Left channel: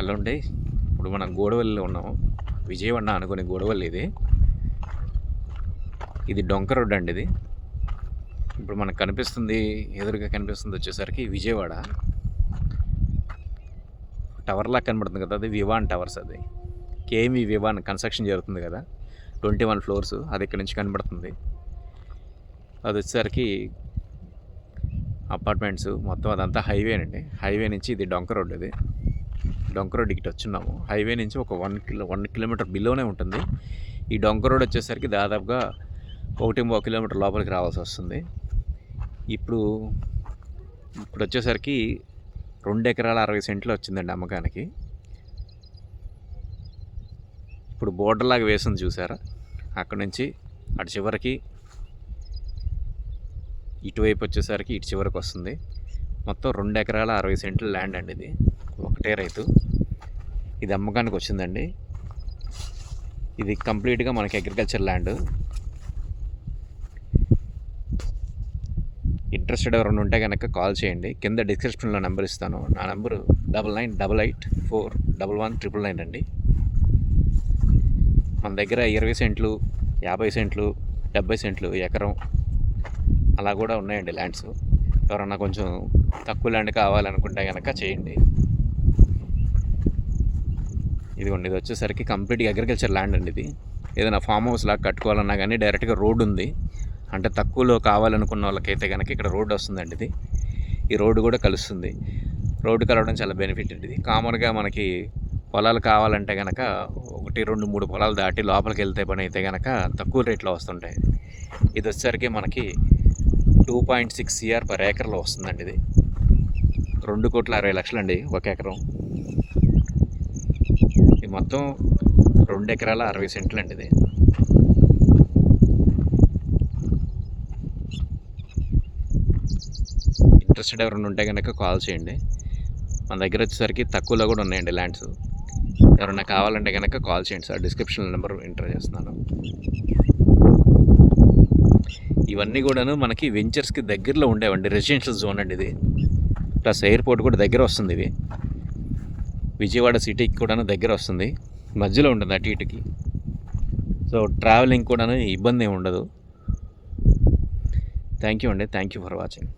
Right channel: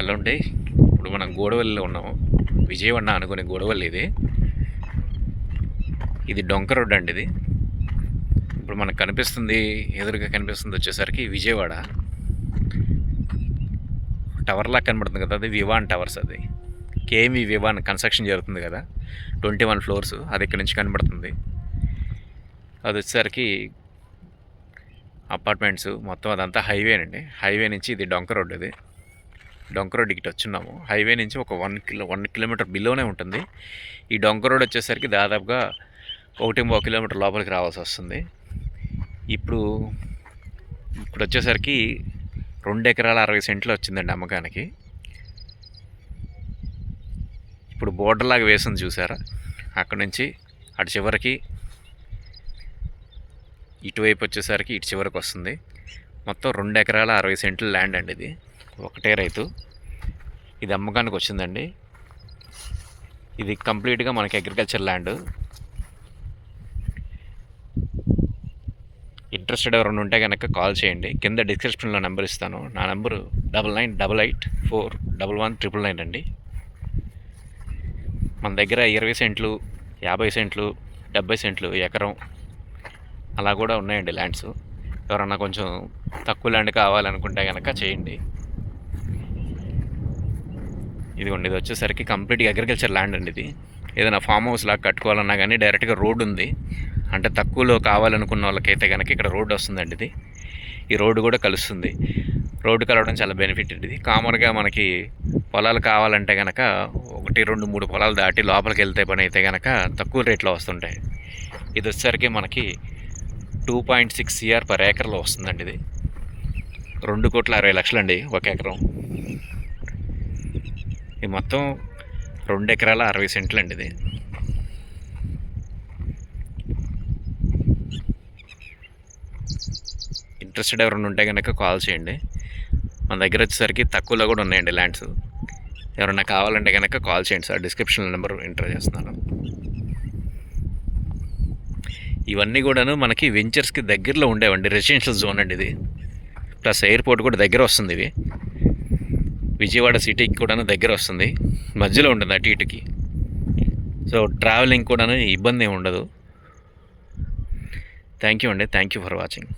Hello అండి. ఇప్పుడు మనం గూడవల్లిలో ఉన్నాము. విజయవాడ అనుకునే గూడవల్లి ఇది. ఇది డొంక రోడ్ అండి ఇది. ఇప్పుడు మనకు కనిపిస్తుంది, ఎదురుగా కనిపిస్తుంది వచ్చేసరికి విజయవాడ టవర్లా కనబడుతుంది కదా, అది వివాన్ టవర్స్. అది కేఎంవి వివాన్ కన్స్ట్రక్షన్ జరుగుతుంది కదా, 21 ఫ్లోర్స్. అది ఇక్కడ నుంచి కనబడుతుంది. అది వచ్చేసరికి అపార్ట్మెంట్స్ మొత్తం అదంతా హైవేనండి. హైవే నుంచి ఇది డొంక రోడ్. ఇది డొంక రోడ్ ఇటు వచ్చున్నాము. హైవే నుంచి ఒక 1 కిలోమీటర్ బిలోనే ఉంటుంది. ఈ డొంక రోడ్ వచ్చేసరికి దాదాపుగా 1.5 కిలోమీటర్ లోపలికి రావాల్సి వస్తుంది. ఇప్పుడు వచ్చేసరికి 2 ఎకరాల 60 సెంట్లు వచ్చిందండి అమ్మకానికి. ఇప్పుడు బోర్డర్ లాగా వేసింది చూసారా, అక్కడ నుంచి అటు చివరికి, ఇటువైపు వచ్చేసరికి ఇటు చివరికి వస్తుంది. మొత్తం 2 ఎకరాల 60 సెంట్ల ల్యాండ్ అండి. ఇది ఒకటే రైతు. ఇది అమ్మకానికి వచ్చిందండి. ఇది కంప్లీట్గా మనకి అగ్రికల్చర్ ల్యాండ్. ఇంట్రెస్టెడ్ ఎవరైనా ఉంటే కనుక కాల్ చేయండి. కింద డిస్క్రిప్షన్లో నెంబర్ ఇస్తాను. నా నెంబరు 9988411999 అండి. మన దగ్గర 20 సెంట్లు, 50 సెంట్లు, 70 సెంట్లు, ఎకరం అలా కూడా ఉన్నాయండి ల్యాండ్స్. ఎవరన్నా కొంచెం తక్కువ ల్యాండ్ కావాలనుకుంటే కనుక చేయండి. ఇదిగోండి, ఇది వచ్చేసరికి కంప్లీట్గా అగ్రికల్చర్ ల్యాండ్ అండి. ఇది ఏదైనా ఫామ్ హౌస్ లాగా కట్టుకోవాలన్నా కానీ డైరెక్ట్గా రోడ్డు ఉంది. అంటే తక్కువలో కావాలనుకున్న వాళ్ళకైతే కనుక ఇక్కడ రోడ్డు వస్తుందండి. ఇది ఈ రోడ్డు కూడా కలుస్తుంది. రోడ్డు కలవడం చాలా బెనిఫిట్ అండి. ఇది కామన్గా మనకి పొలాలు కావాలంటే కనుక 1, 2, 3 పొలాలు దాటి లోపలికి వెళ్తే పని అయితే కనుక తక్కువ రేట్లో వస్తుంటాయి. ఇది వచ్చేసరికి మనకి 2.6 CR per ఏకర్లో వస్తుందండి. ఇది 2,60,00,000 అండి ఒక ఎకరం. ఇది మొత్తం 2 ఎకరాల 60 సెంట్లు అండి. ఇది ఇంట్రెస్టెడ్ ఎవరైనా ఉంటే కనుక కాల్ చేయండి. మన దగ్గర వచ్చేసరికి తక్కువలో కూడా ఉన్నాయండి ల్యాండ్స్. ఎవరైనా కావాలంటే కనుక కాల్ చేయండి సార్. డిస్క్రిప్షన్ నెంబర్ ఎంటర్ చేస్తున్నాను. ఇవన్నీ కూడాను మనకి వెంచర్స్కి దగ్గరలో ఉండేవండి. రెసిడెన్షియల్ జోన్ అండి ఇది. ప్లస్ ఎయిర్పోర్ట్ కూడా దగ్గర వస్తుంది. ఇవి విజయవాడ సిటీకి కూడాను దగ్గర వస్తుంది. మధ్యలో ఉంటుంది అటు ఇటుకి. సో ట్రావెలింగ్ కూడాను ఇబ్బంది ఏమి ఉండదు. థ్యాంక్ యూ అండి. Thank you for watching.